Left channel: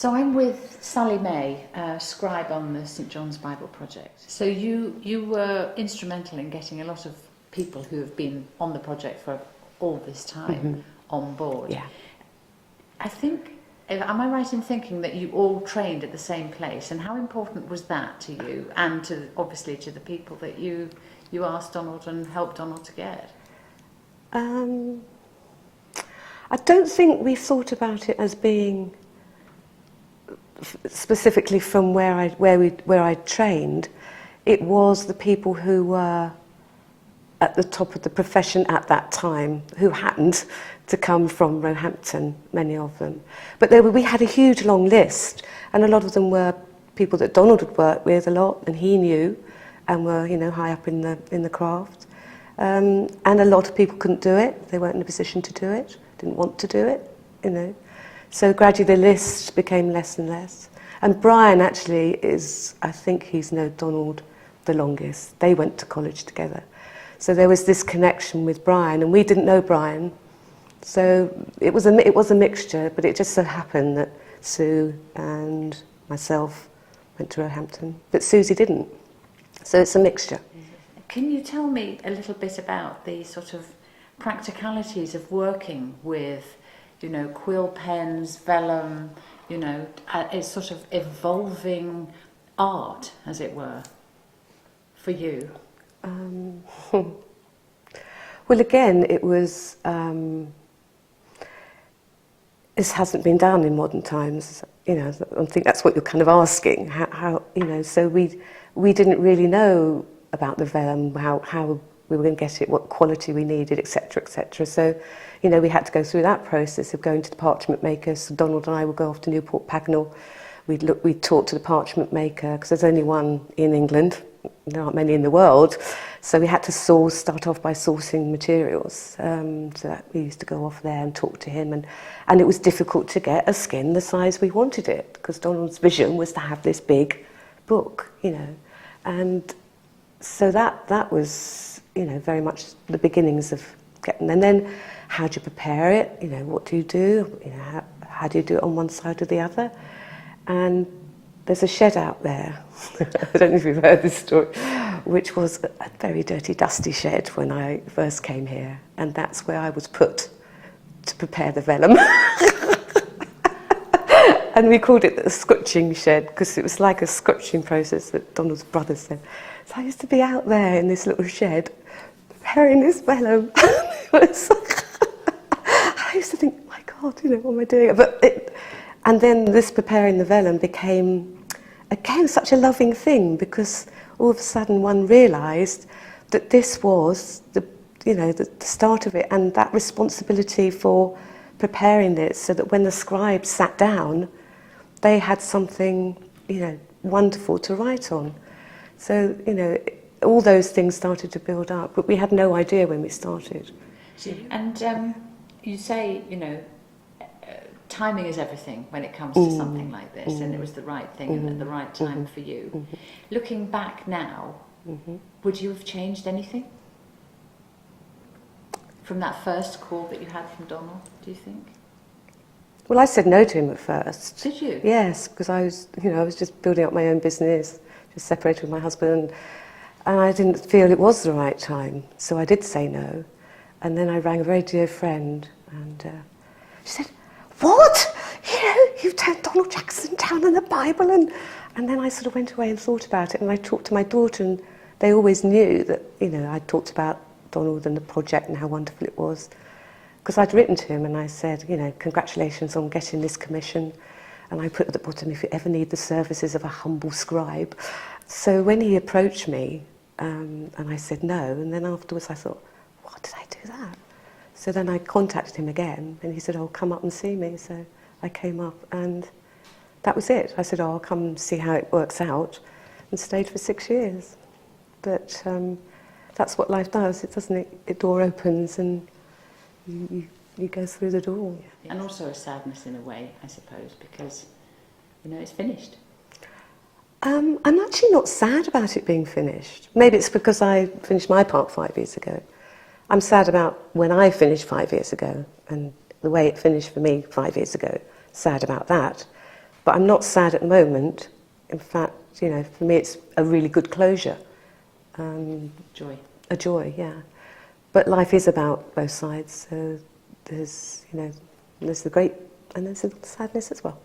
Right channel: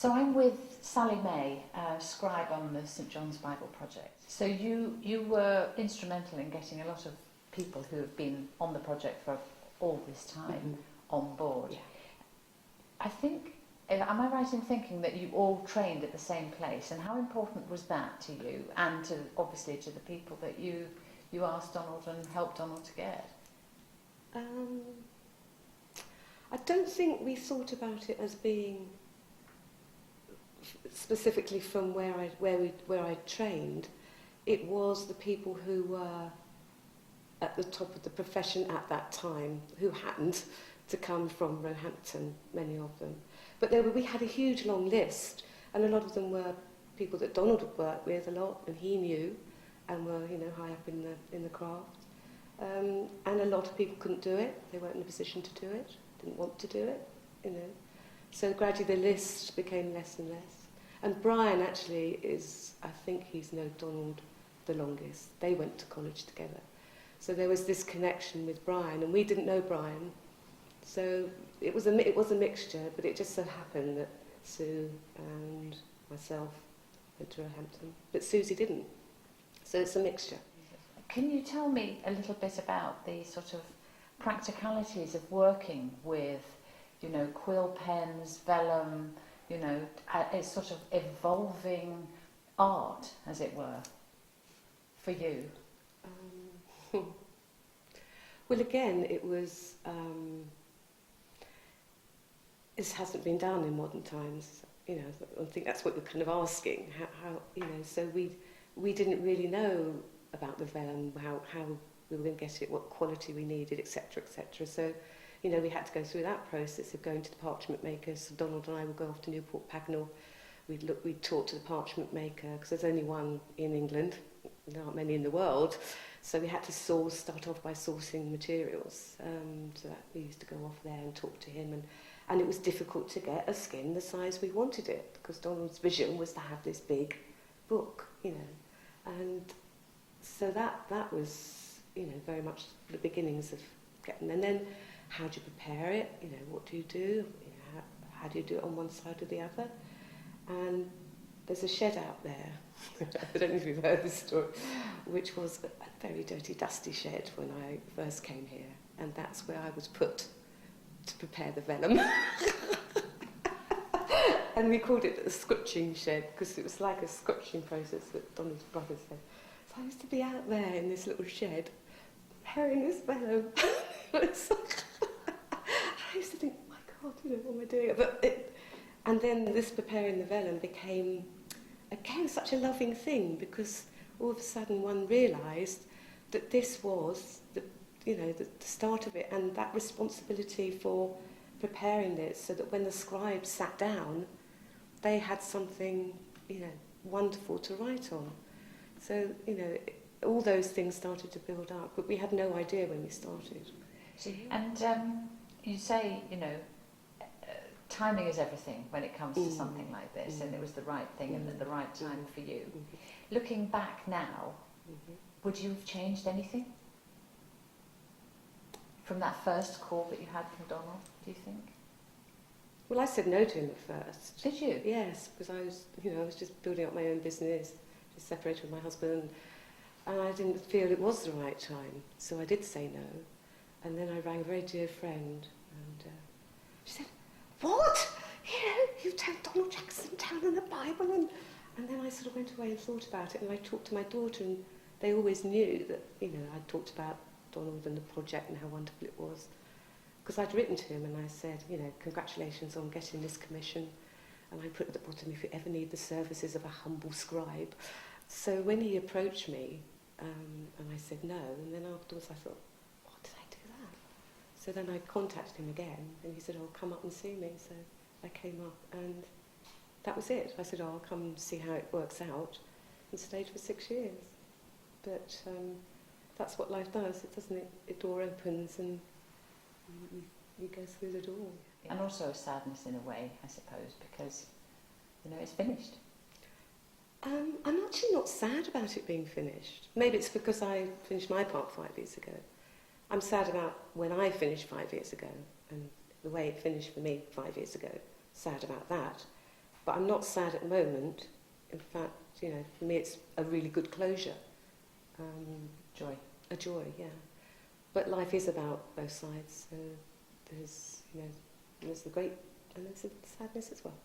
So I'm with Sally May, scribe on the St John's Bible Project. So you were instrumental in getting a lot of people who have been on the project for all this time on board. Yeah. I think, am I right in thinking that you all trained at the same place? And how important was that to you and to, obviously, to the people that you asked Donald and helped Donald to get? I don't think we thought about it as being specifically from where I trained. It was the people who were at the top of the profession at that time, who happened to come from Roehampton, many of them. But we had a huge long list, and a lot of them were people that Donald had worked with a lot, and he knew, and were, you know, high up in the craft. And a lot of people couldn't do it. They weren't in a position to do it, didn't want to do it, you know. So gradually the list became less and less. And Brian actually is, I think he's known Donald the longest. They went to college together. So there was this connection with Brian, and we didn't know Brian. So it was a mixture, but it just so happened that Sue and myself went to Roehampton, but Susie didn't. So it's a mixture. Can you tell me a little bit about the sort of practicalities of working with, you know, quill pens, vellum, you know, a sort of evolving art, as it were, for you? Well, again, it was. This hasn't been done in modern times, you know. I think that's what you're kind of asking. How you know? So we didn't really know about the vellum, how we were going to get it, what quality we needed, etc., etc. So, you know, we had to go through that process of going to the parchment maker. So Donald and I would go off to Newport Pagnell. We'd talk to the parchment maker, because there's only one in England. There aren't many in the world. So we had to start off by sourcing materials. So that we used to go off there and talk to him. And it was difficult to get a skin the size we wanted it, because Donald's vision was to have this big book, you know. And so that was, you know, very much the beginnings of getting. And then how do you prepare it? You know, what do? You know, how do you do it on one side or the other? And there's a shed out there, I don't know if you've heard this story, which was a very dirty, dusty shed when I first came here. And that's where I was put to prepare the vellum. And we called it the scutching shed, because it was like a scutching process that Donald's brother said. So I used to be out there in this little shed, preparing this vellum. I used to think, my God, you know, what am I doing? And then this preparing the vellum became, again, such a loving thing, because all of a sudden one realised that this was the start of it, and that responsibility for preparing it, so that when the scribes sat down, they had something, you know, wonderful to write on. So, you know, all those things started to build up, but we had no idea when we started. And you say, you know, timing is everything when it comes to something like this, and it was the right thing and at the right time for you. Looking back now, would you have changed anything from that first call that you had from Donald, do you think? Well, I said no to him at first. Did you? Yes, because I was just building up my own business, just separated with my husband, and I didn't feel it was the right time, so I did say no. And then I rang a very dear friend, and she said, "What? You know, you've turned Donald Jackson down in the Bible?" And then I sort of went away and thought about it, and I talked to my daughter, and they always knew that, you know, I talked about Donald and the project and how wonderful it was. Because I'd written to him and I said, you know, congratulations on getting this commission. And I put at the bottom, if you ever need the services of a humble scribe. So when he approached me, and I said no, and then afterwards I thought, why did I do that? So then I contacted him again, and he said, oh, come up and see me. So I came up, and that was it. I said, oh, I'll come and see how it works out, and stayed for 6 years. But that's what life does, doesn't it? The door opens, and you go through the door. Yes. And also a sadness in a way, I suppose, because, you know, it's finished. I'm actually not sad about it being finished. Maybe it's because I finished my part 5 years ago. I'm sad about when I finished 5 years ago, and the way it finished for me 5 years ago. Sad about that. But I'm not sad at the moment. In fact, you know, for me it's a really good closure. Joy. A joy, yeah. But life is about both sides. So there's, you know, there's the great and there's the sadness as well.